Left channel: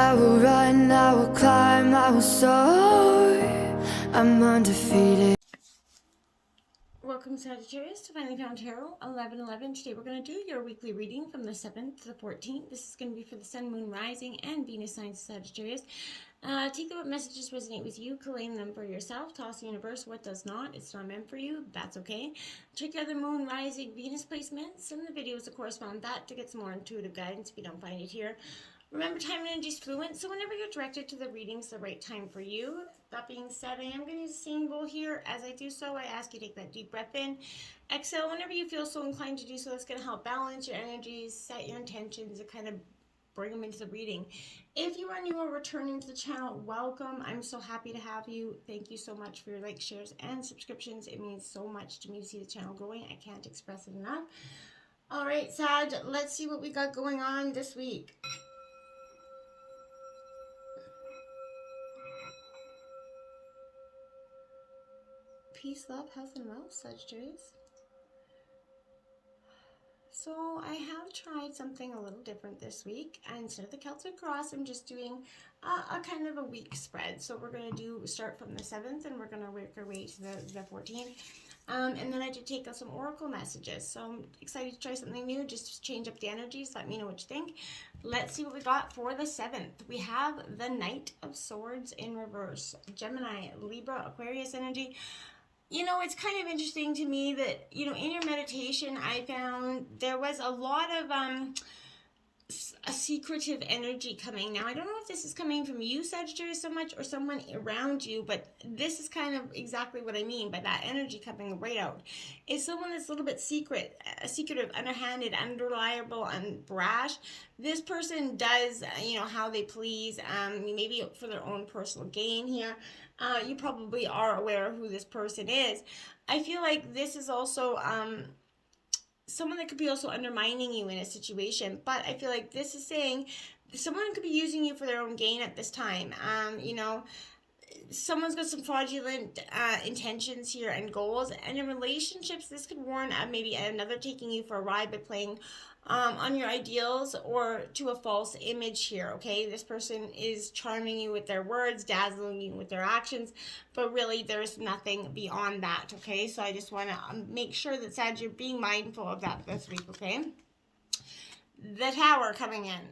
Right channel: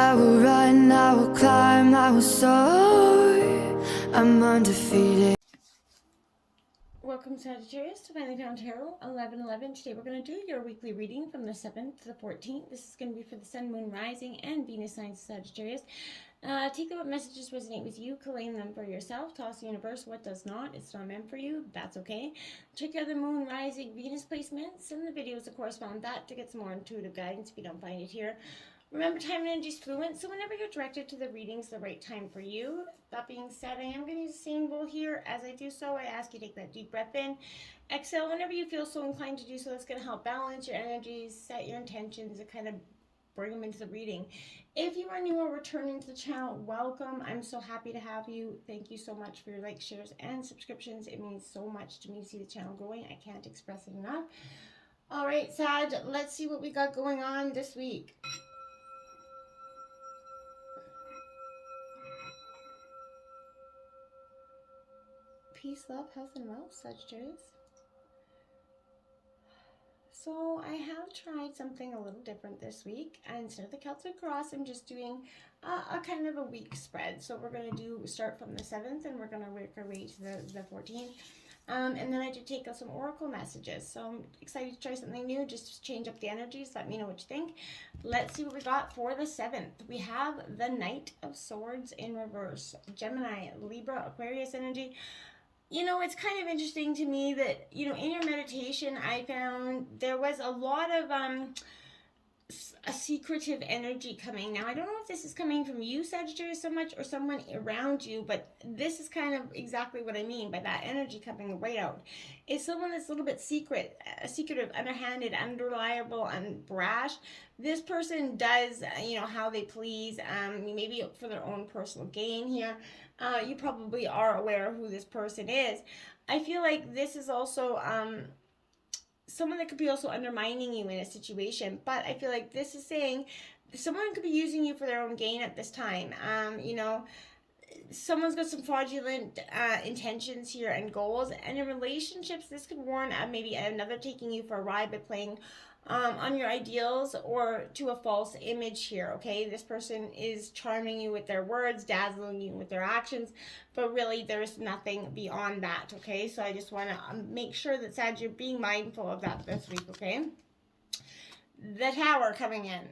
I will run, I will climb, I will soar. I'm undefeated. Welcome, Sagittarius, to Finally Found Tarot 11/11. Today we're going to do your weekly reading from the 7th to the 14th. This is going to be for the Sun, Moon, Rising, and Venus signs of Sagittarius. Take what messages resonate with you, claim them for yourself. Toss the universe what does not. It's not meant for you. That's okay. Check out the Moon, Rising, Venus placements and the videos that correspond that to get some more intuitive guidance if you don't find it here. Remember, time and energy is fluent, so whenever you're directed to the readings, the right time for you. That being said, I am going to use a symbol here. As I do so, I ask you to take that deep breath in. Exhale whenever you feel so inclined to do so. That's going to help balance your energies, set your intentions, and kind of bring them into the reading. If you are new or returning to the channel, welcome. I'm so happy to have you. Thank you so much for your likes, shares, and subscriptions. It means so much to me to see the channel growing. I can't express it enough. All right, Sag, let's see what we got going on this week. Peace, love, health, and wealth, Sagittarius. So I have tried something a little different this week, and instead of the Celtic Cross, I'm just doing a kind of a week spread. So we're going to start from the 7th, and we're going to work our way to the 14th. And then I did take some oracle messages. So I'm excited to try something new, just change up the energies. Let me know what you think. Let's see what we got for the 7th. We have the Knight of Swords in reverse. Gemini, Libra, Aquarius energy. You know, it's kind of interesting to me that, you know, in your meditation, I found there was a lot of a secretive energy coming. Now, I don't know if this is coming from you, Sagittarius, so much, or someone around you, but this is kind of exactly what I mean by that energy coming right out. It's someone that's a little bit secretive, underhanded, unreliable, and brash. This person does, you know, how they please, maybe for their own personal gain here. You probably are aware of who this person is. I feel like this is also someone that could be also undermining you in a situation, but I feel like this is saying someone could be using you for their own gain at this time. You know, someone's got some fraudulent intentions here and goals, and in relationships, this could warn maybe another taking you for a ride by playing on your ideals or to a false image here, okay? This person is charming you with their words, dazzling you with their actions, but really there's nothing beyond that, okay? So I just want to make sure that, Sag, you're being mindful of that this week, okay? The Tower coming in.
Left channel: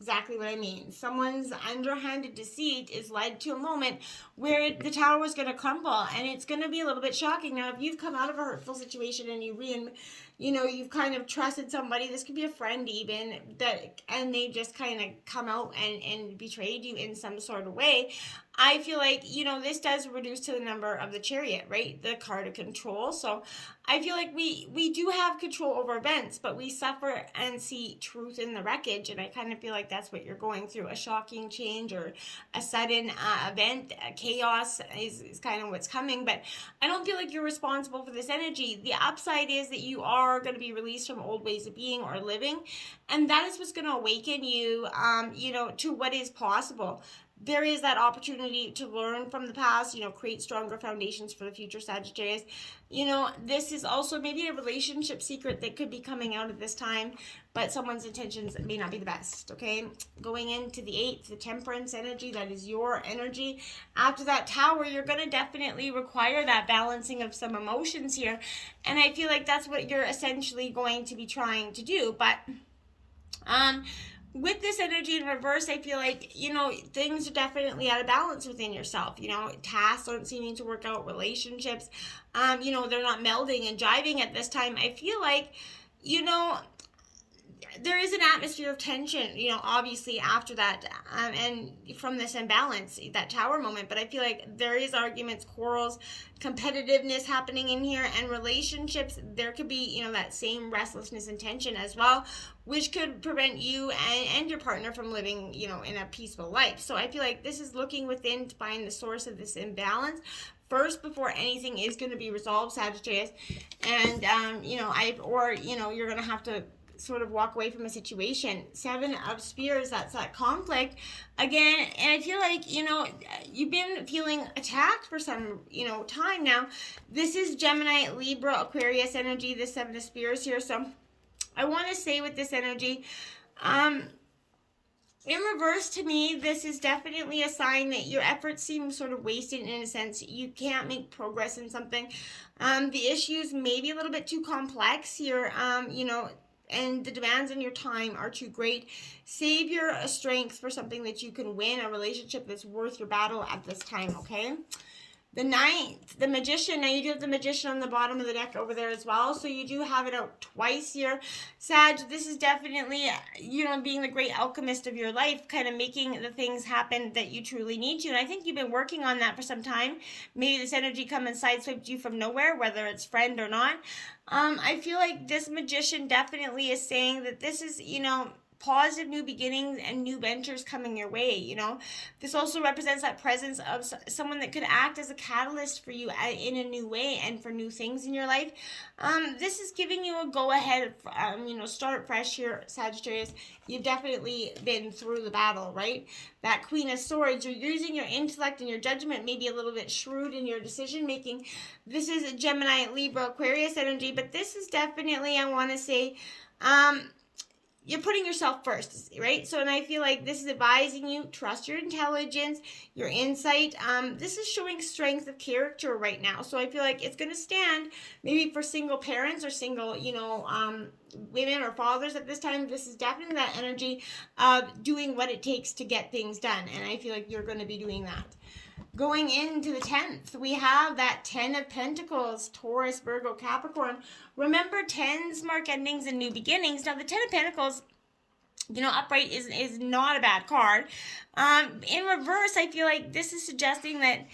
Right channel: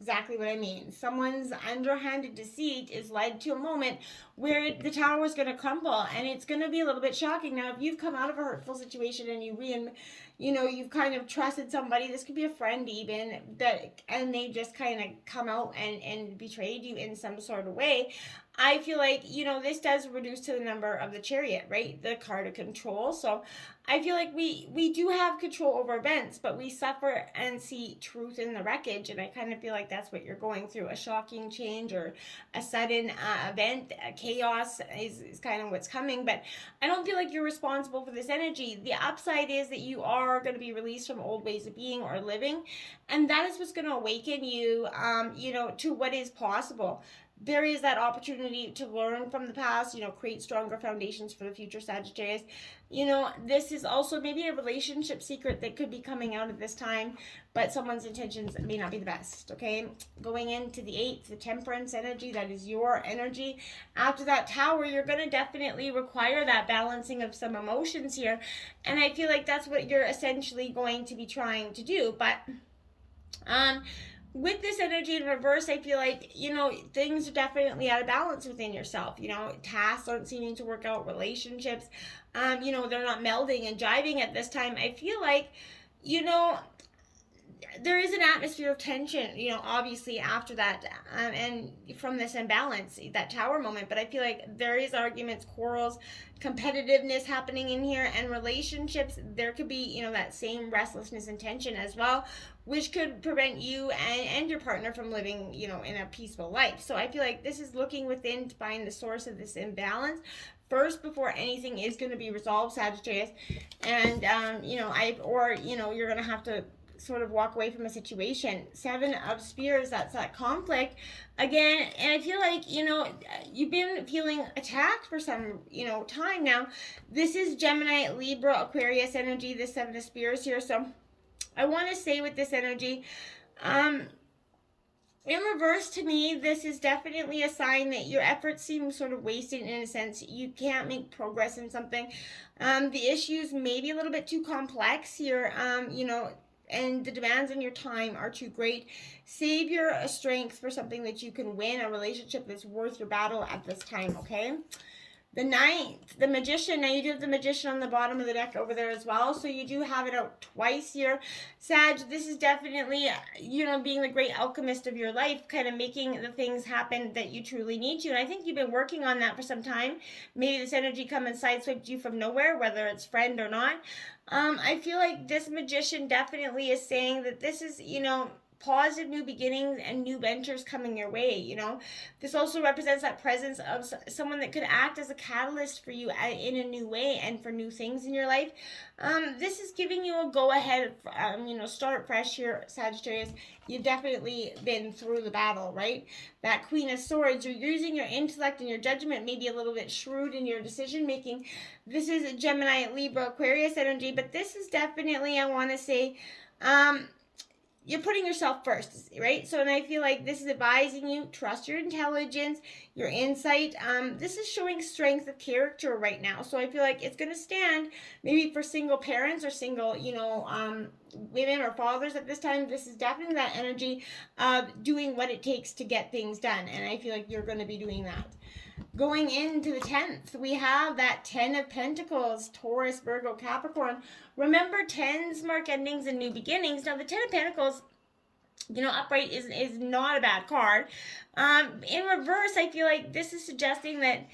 Exactly what I mean. Someone's underhanded deceit is led to a moment where the tower is going to crumble, and it's going to be a little bit shocking. Now, if you've come out of a hurtful situation and you've kind of trusted somebody, this could be a friend even, and they just kind of come out and betrayed you in some sort of way. I feel like, you know, this does reduce to the number of the Chariot, right? The card of control. So I feel like we do have control over events, but we suffer and see truth in the wreckage. And I kind of feel like that's what you're going through. A shocking change or a sudden event, chaos is kind of what's coming. But I don't feel like you're responsible for this energy. The upside is that you are going to be released from old ways of being or living. And that is what's going to awaken you, you know, to what is possible. There is that opportunity to learn from the past, you know, create stronger foundations for the future, Sagittarius. You know, this is also maybe a relationship secret that could be coming out at this time, but someone's intentions may not be the best, okay? Going into the 8th, the Temperance energy, that is your energy. After that Tower, you're going to definitely require that balancing of some emotions here, and I feel like that's what you're essentially going to be trying to do, but with this energy in reverse, I feel like, you know, things are definitely out of balance within yourself. You know, tasks aren't seeming to work out, relationships, you know, they're not melding and jiving at this time. I feel like, you know, there is an atmosphere of tension, you know, obviously after that, and from this imbalance, that Tower moment, but I feel like there is arguments, quarrels, competitiveness happening in here, and relationships, there could be, you know, that same restlessness and tension as well, which could prevent you and your partner from living, you know, in a peaceful life. So I feel like this is looking within to find the source of this imbalance first before anything is going to be resolved, Sagittarius. And, you know, you're going to have to sort of walk away from a situation. 7 of Spears, that's that conflict again, and I feel like, you know, you've been feeling attacked for some, you know, time now. This is Gemini, Libra, Aquarius energy, this 7 of Spears here. So I want to say with this energy, In reverse, to me, this is definitely a sign that your efforts seem sort of wasted in a sense. You can't make progress in something. The issues may be a little bit too complex here, and the demands on your time are too great. Save your strength for something that you can win, a relationship that's worth your battle at this time, okay? The ninth, the Magician. Now you do have the Magician on the bottom of the deck over there as well. So you do have it out twice here. Sag, this is definitely, being the great alchemist of your life, kind of making the things happen that you truly need to. And I think you've been working on that for some time. Maybe this energy come and sideswiped you from nowhere, whether it's friend or not. I feel like this Magician definitely is saying that this is, positive new beginnings and new ventures coming your way. This also represents that presence of someone that could act as a catalyst for you in a new way and for new things in your life. This is giving you a go ahead, start fresh here, Sagittarius. You've definitely been through the battle, right? That Queen of Swords, you're using your intellect and your judgment, maybe a little bit shrewd in your decision making. This is Gemini, Libra, Aquarius energy, but this is definitely, I want to say, you're putting yourself first, right? So, and I feel like this is advising you, trust your intelligence, your insight. This is showing strength of character right now. So I feel like it's going to stand maybe for single parents or single, women or fathers at this time. This is definitely that energy of doing what it takes to get things done. And I feel like you're going to be doing that. Going into the 10th, we have that 10 of Pentacles, Taurus, Virgo, Capricorn. Remember, 10s mark endings and new beginnings. Now, the 10 of Pentacles, upright is not a bad card. In reverse, I feel like this is suggesting that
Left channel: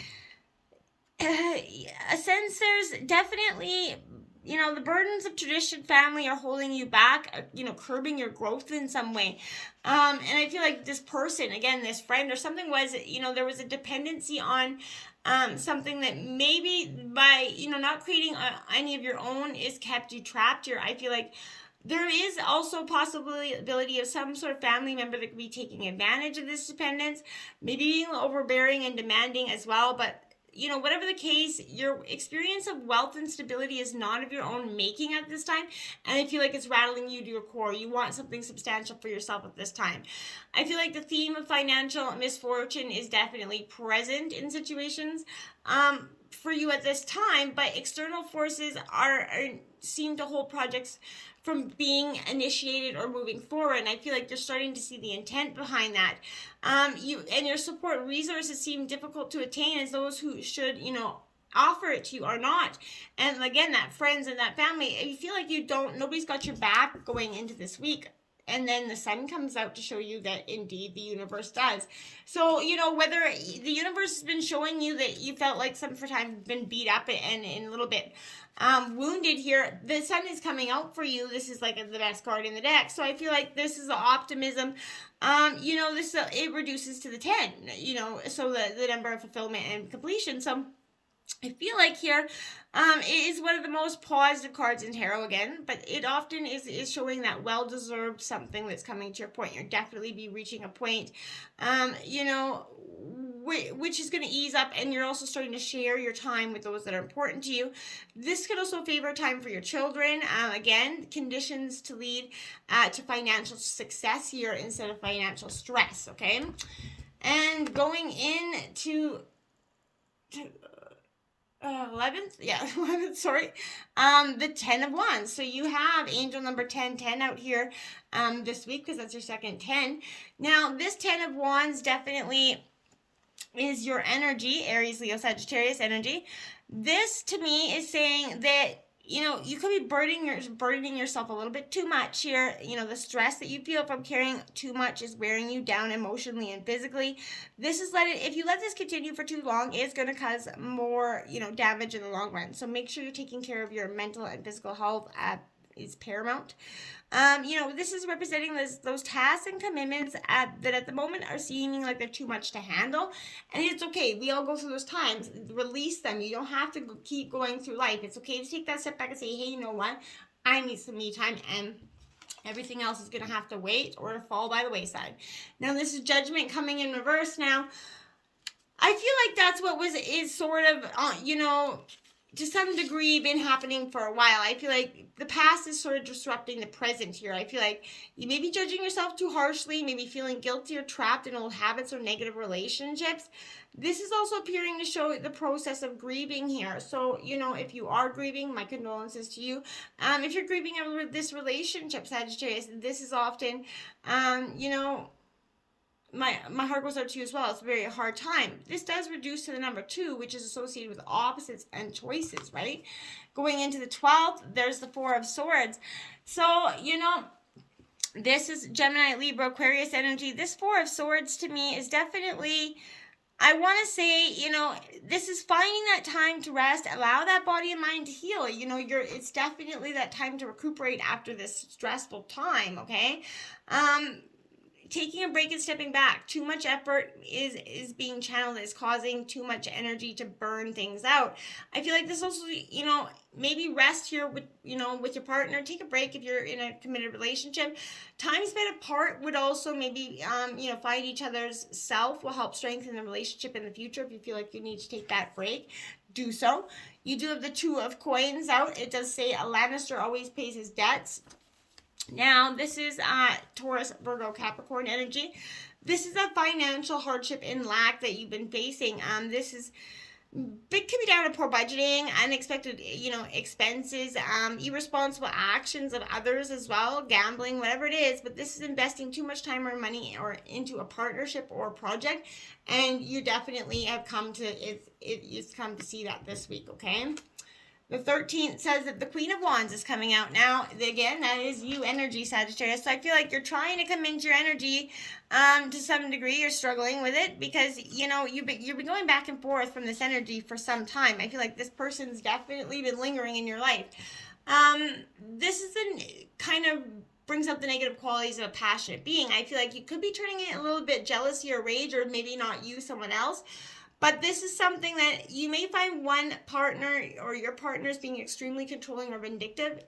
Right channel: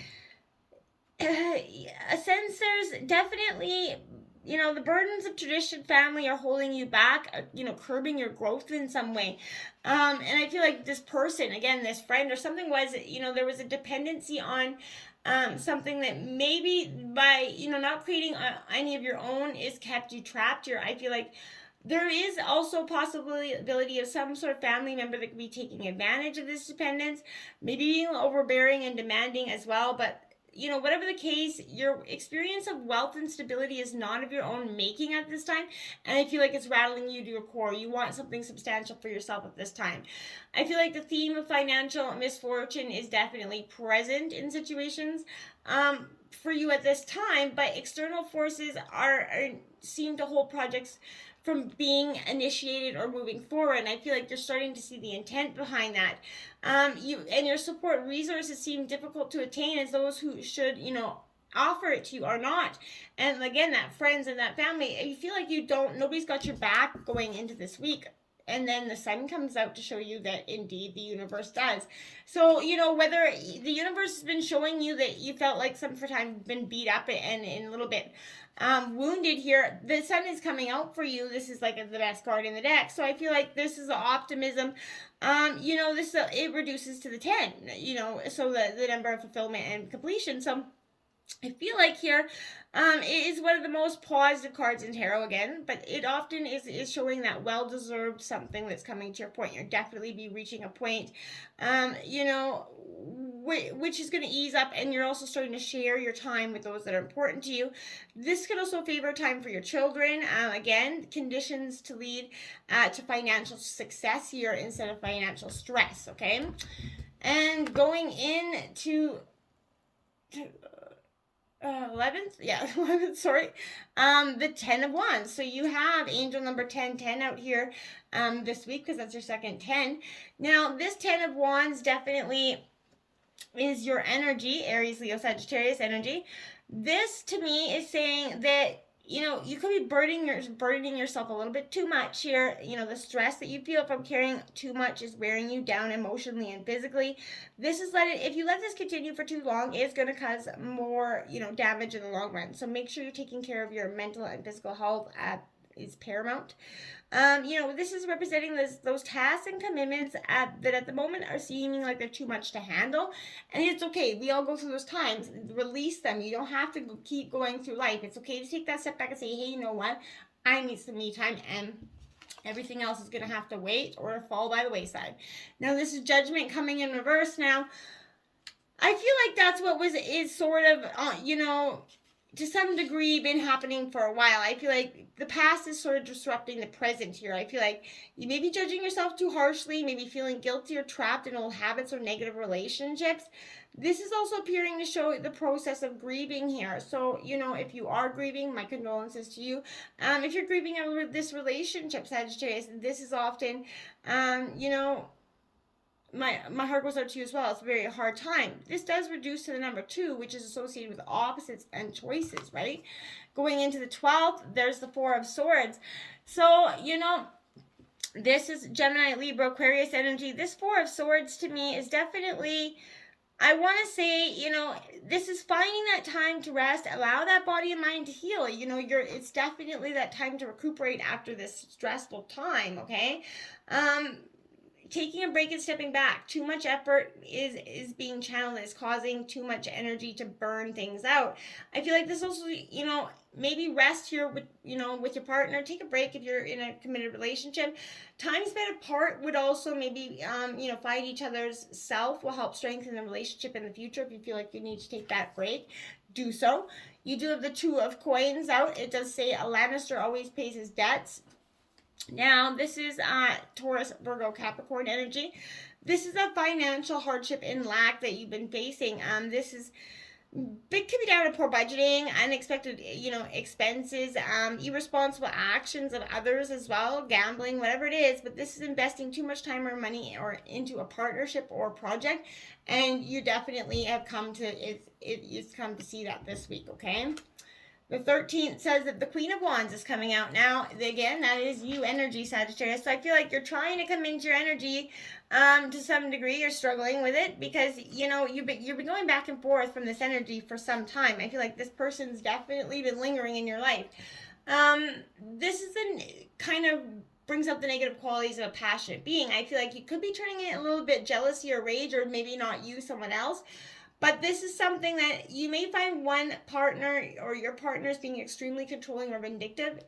a sense there's definitely, the burdens of tradition, family are holding you back, curbing your growth in some way. And I feel like this person, again, this friend or something was, there was a dependency on something that maybe by, not creating any of your own is kept you trapped here. I feel like there is also possibility of some sort of family member that could be taking advantage of this dependence, maybe being overbearing and demanding as well, but whatever the case, your experience of wealth and stability is not of your own making at this time. And I feel like it's rattling you to your core. You want something substantial for yourself at this time. I feel like the theme of financial misfortune is definitely present in situations for you at this time, but external forces seem to hold projects from being initiated or moving forward. And I feel like you're starting to see the intent behind that. You and your support resources seem difficult to attain as those who should, offer it to you are not. And again, that friends and that family, you feel like nobody's got your back going into this week. And then the sun comes out to show you that indeed the universe does. So, whether the universe has been showing you that you felt like some for time been beat up and a little bit wounded here, the sun is coming out for you. This is like the best card in the deck. So I feel like this is the optimism. This it reduces to the 10, so the number of fulfillment and completion. So I feel like here it is one of the most positive cards in tarot again, but it often is showing that well-deserved something that's coming to your point. You'll definitely be reaching a point, which is going to ease up, and you're also starting to share your time with those that are important to you. This could also favor time for your children. Again, conditions to lead to financial success here instead of financial stress, okay? And going into 11th, sorry. The 10 of Wands. So you have angel number 10 out here this week because that's your second 10. Now, this 10 of Wands definitely is your energy, Aries, Leo, Sagittarius energy. This, to me, is saying that, you could be burdening yourself a little bit too much here. The stress that you feel from carrying too much is wearing you down emotionally and physically. If you let this continue for too long, it's going to cause more, damage in the long run. So make sure you're taking care of your mental and physical health is paramount. This is representing those tasks and commitments that at the moment are seeming like they're too much to handle. And it's okay. We all go through those times. Release them. You don't have to keep going through life. It's okay to take that step back and say, hey, you know what? I need some me time, and everything else is going to have to wait or fall by the wayside. Now, this is Judgment coming in reverse now. I feel like that's what is sort of, to some degree been happening for a while. I feel like the past is sort of disrupting the present here. I feel like you may be judging yourself too harshly, maybe feeling guilty or trapped in old habits or negative relationships. This is also appearing to show the process of grieving here. So, if you are grieving, my condolences to you. If you're grieving over this relationship, Sagittarius, this is often, my heart goes out to you as well. It's a very hard time. This does reduce to the number 2, which is associated with opposites and choices, right? Going into the 12th, there's the 4 of Swords. So, this is Gemini, Libra, Aquarius energy. This 4 of Swords to me is definitely, I want to say, this is finding that time to rest, allow that body and mind to heal. It's definitely that time to recuperate after this stressful time, okay? Taking a break and stepping back. Too much effort is being channeled, is causing too much energy to burn things out. I feel like this also, maybe rest here with your partner. Take a break if you're in a committed relationship. Time spent apart would also maybe, find each other's self will help strengthen the relationship in the future. If you feel like you need to take that break, do so. You do have the 2 of Coins out. It does say a Lannister always pays his debts. Now, this is Taurus, Virgo, Capricorn energy. This is a financial hardship and lack that you've been facing. This is big, could be down to poor budgeting, unexpected, expenses, irresponsible actions of others as well, gambling, whatever it is. But this is investing too much time or money or into a partnership or a project, and you definitely have come to it's come to see that this week. Okay. The 13th says that the Queen of Wands is coming out. Now, again, that is you energy, Sagittarius. So I feel like you're trying to come into your energy to some degree. You're struggling with it because, you've been going back and forth from this energy for some time. I feel like this person's definitely been lingering in your life. This is kind of brings up the negative qualities of a passionate being. I feel like you could be turning it a little bit jealousy or rage, or maybe not you, someone else. But this is something that you may find one partner or your partners being extremely controlling or vindictive.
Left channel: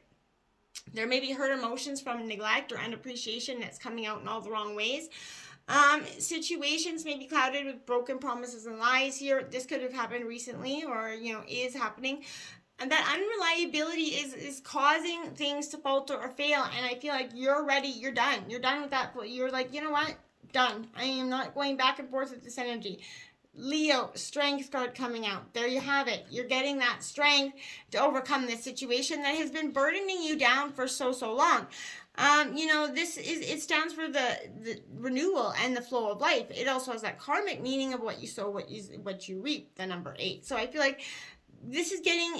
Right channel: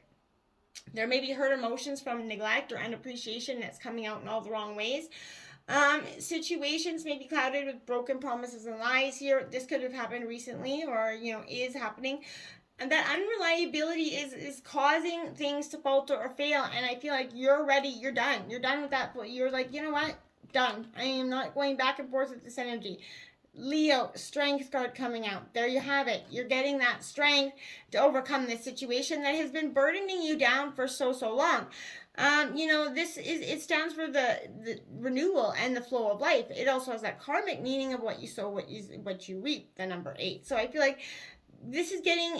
There may be hurt emotions from neglect or unappreciation that's coming out in all the wrong ways. Situations may be clouded with broken promises and lies here. This could have happened recently or, is happening. And that unreliability is causing things to falter or fail. And I feel like you're ready. You're done. You're done with that. You're like, you know what? Done. I am not going back and forth with this energy. Leo, Strength card coming out. There you have it. You're getting that strength to overcome this situation that has been burdening you down for so long. It stands for the renewal and the flow of life. It also has that karmic meaning of what you sow, what you reap, the number 8. So I feel like this is getting,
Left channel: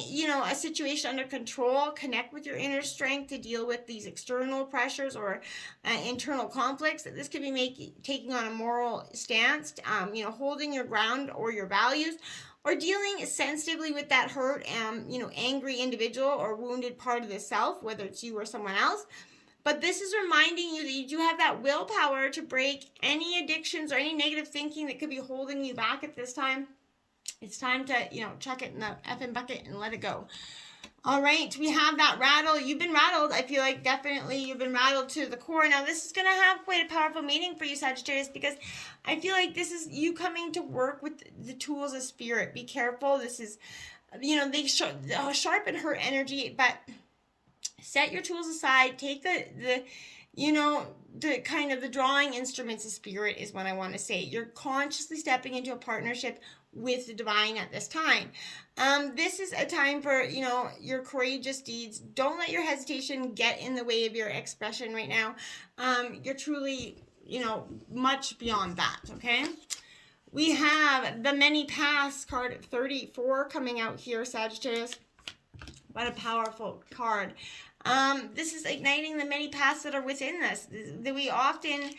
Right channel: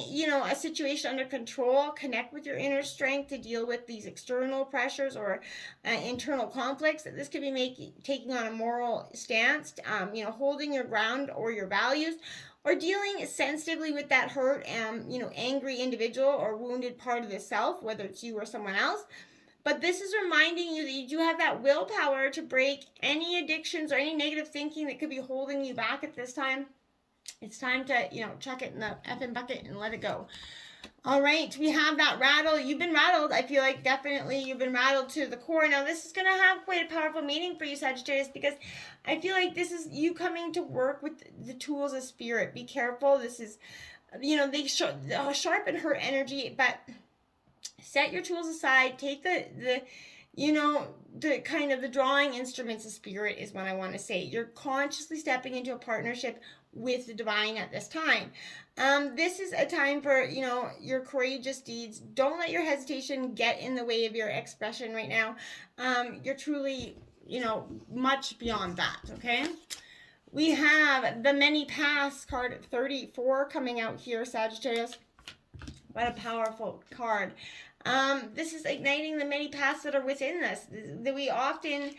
a situation under control. Connect with your inner strength to deal with these external pressures or internal conflicts. This could be taking on a moral stance, holding your ground or your values, or dealing sensitively with that hurt, angry individual or wounded part of the self, whether it's you or someone else. But this is reminding you that you do have that willpower to break any addictions or any negative thinking that could be holding you back at this time. It's time to, chuck it in the effing bucket and let it go. All right, we have that rattle. You've been rattled. I feel like definitely you've been rattled to the core. Now, this is going to have quite a powerful meaning for you, Sagittarius, because I feel like this is you coming to work with the tools of spirit. Be careful. This is, they sharpen her energy, but set your tools aside. Take the kind of the drawing instruments of spirit is what I want to say. You're consciously stepping into a partnership with the divine at this time. This is a time for, your courageous deeds. Don't let your hesitation get in the way of your expression right now. You're truly, much beyond that, okay? We have the Many Paths card 34 coming out here, Sagittarius. What a powerful card. This is igniting the many paths that are within us that we often,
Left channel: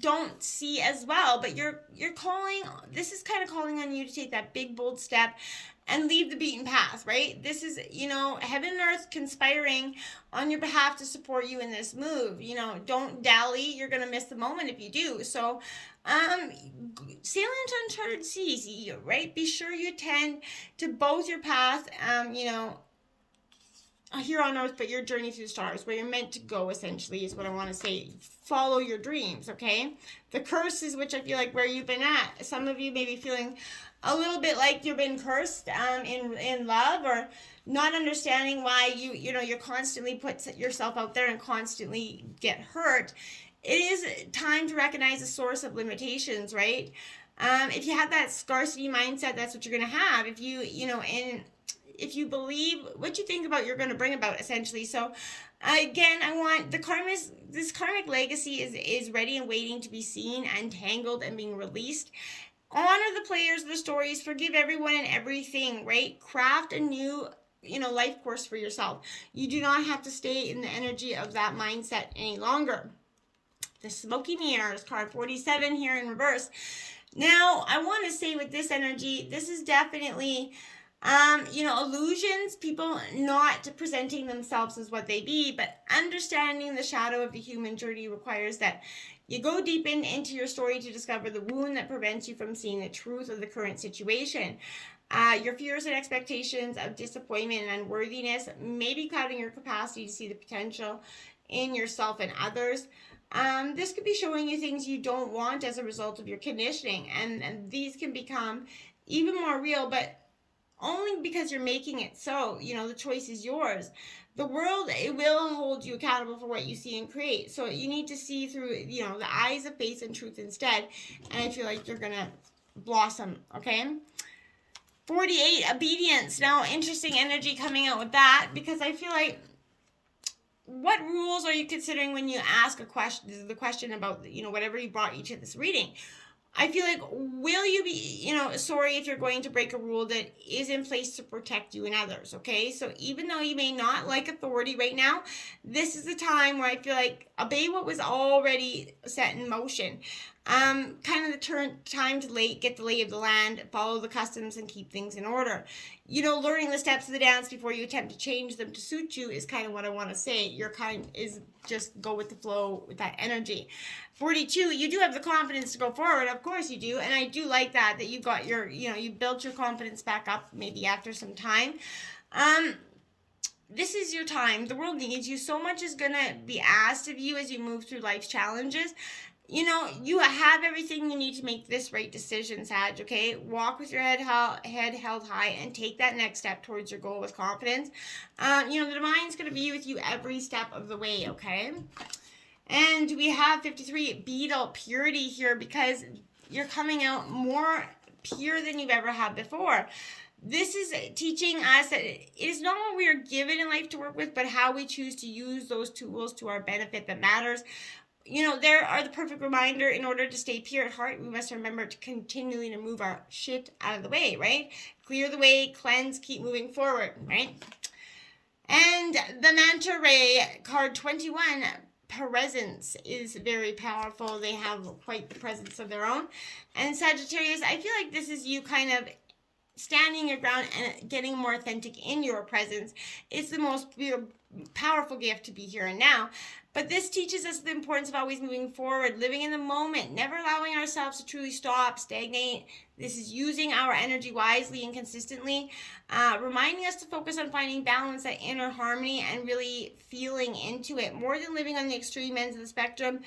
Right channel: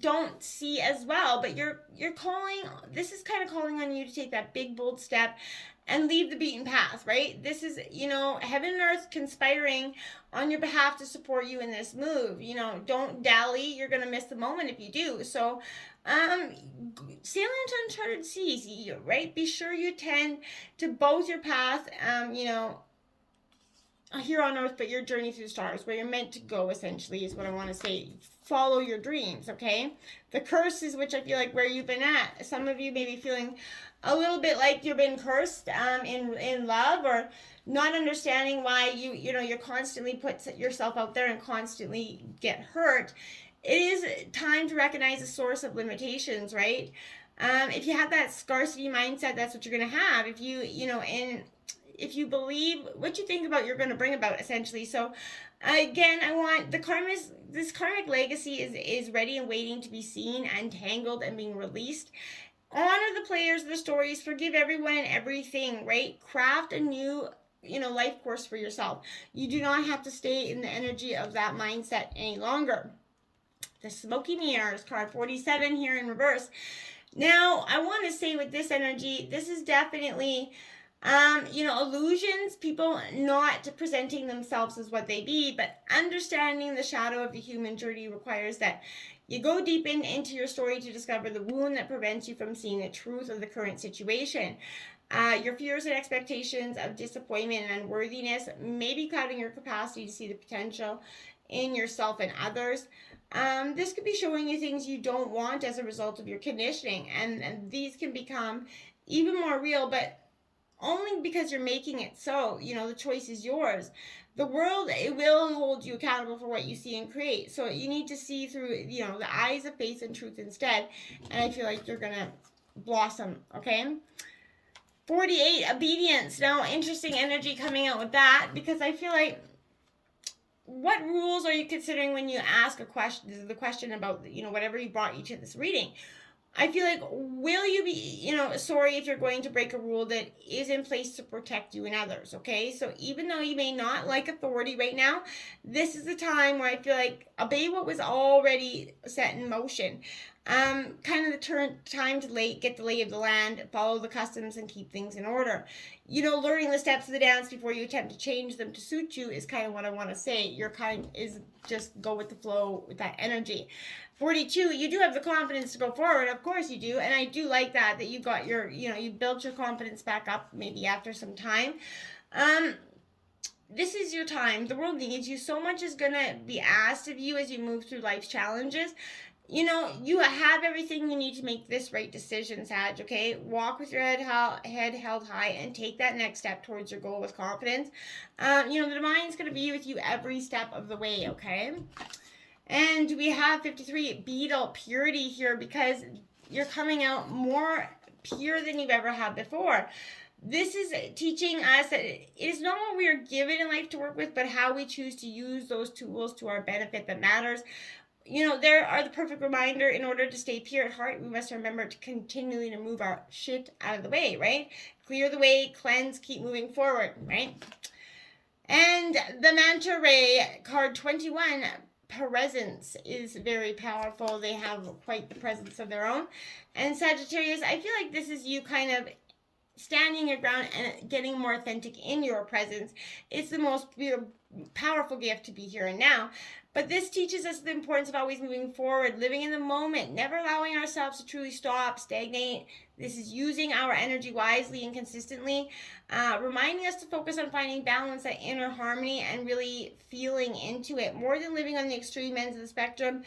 don't see as well, but you're calling, this is kind of calling on you to take that big, bold step and leave the beaten path, right? This is, heaven and earth conspiring on your behalf to support you in this move. Don't dally. You're going to miss the moment if you do. So, sail into uncharted seas, right? Be sure you tend to both your path, here on earth, but your journey through the stars, where you're meant to go, essentially, is what I want to say. Follow your dreams, okay? The curses, which I feel like where you've been at, some of you may be feeling a little bit like you've been cursed in love, or not understanding why you're constantly put yourself out there and constantly get hurt. It is time to recognize the source of limitations, right? If you have that scarcity mindset, that's what you're going to have. If if you believe what you think about, you're going to bring about, essentially. So again, I want this karmic legacy is ready and waiting to be seen, untangled, and being released. Honor the players, the stories, forgive everyone and everything, right? Craft a new life course for yourself. You do not have to stay in the energy of that mindset any longer. The Smoky Mirrors, card 47 here in reverse. Now, I want to say with this energy, this is definitely illusions, people not presenting themselves as what they be, but understanding the shadow of the human journey requires that you go deep into your story to discover the wound that prevents you from seeing the truth of the current situation. Your fears and expectations of disappointment and unworthiness may be clouding your capacity to see the potential in yourself and others. This could be showing you things you don't want as a result of your conditioning, and these can become even more real, but only because you're making it so. The choice is yours. The world, it will hold you accountable for what you see and create. So you need to see through, the eyes of faith and truth instead. And I feel like you're going to blossom, okay? 48, obedience. Now, interesting energy coming out with that, because I feel like, what rules are you considering when you ask the question about, whatever brought you to this reading? I feel like, will you be, sorry if you're going to break a rule that is in place to protect you and others, okay? So even though you may not like authority right now, this is the time where I feel like obey what was already set in motion. Kind of the time to get the lay of the land, follow the customs, and keep things in order. Learning the steps of the dance before you attempt to change them to suit you is kind of what I want to say. Your kind is just go with the flow with that energy. 42, you do have the confidence to go forward. Of course you do. And I do like that you got you built your confidence back up maybe after some time. This is your time. The world needs you. So much is going to be asked of you as you move through life's challenges. You have everything you need to make this right decision, Sag, okay? Walk with your head held high and take that next step towards your goal with confidence. The divine's going to be with you every step of the way, okay? And we have 53, beetle, purity here, because you're coming out more pure than you've ever had before. This is teaching us that it is not what we are given in life to work with, but how we choose to use those tools to our benefit that matters. There are the perfect reminder. In order to stay pure at heart, we must remember to continually to move our shit out of the way, right? Clear the way, cleanse, keep moving forward, right? And the Manta Ray, card 21, presence is very powerful. They have quite the presence of their own. And Sagittarius, I feel like this is you kind of standing your ground and getting more authentic in your presence. It's the most powerful gift to be here and now. But this teaches us the importance of always moving forward, living in the moment, never allowing ourselves to truly stop, stagnate. This is using our energy wisely and consistently, reminding us to focus on finding balance, that inner harmony, and really feeling into it, more than living on the extreme ends of the spectrum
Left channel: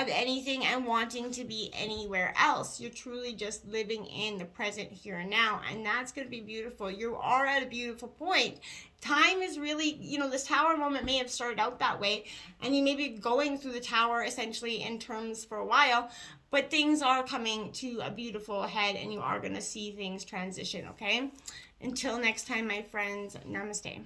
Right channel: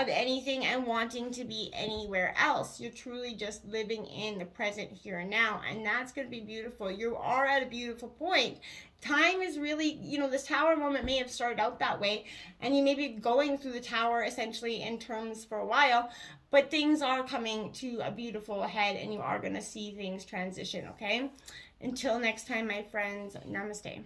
of anything and wanting to be anywhere else. You're truly just living in the present here and now, and that's going to be beautiful. You are at a beautiful point. Time is really, this tower moment may have started out that way, and you may be going through the tower essentially in terms for a while, but things are coming to a beautiful head, and you are going to see things transition, okay? Until next time, my friends, namaste.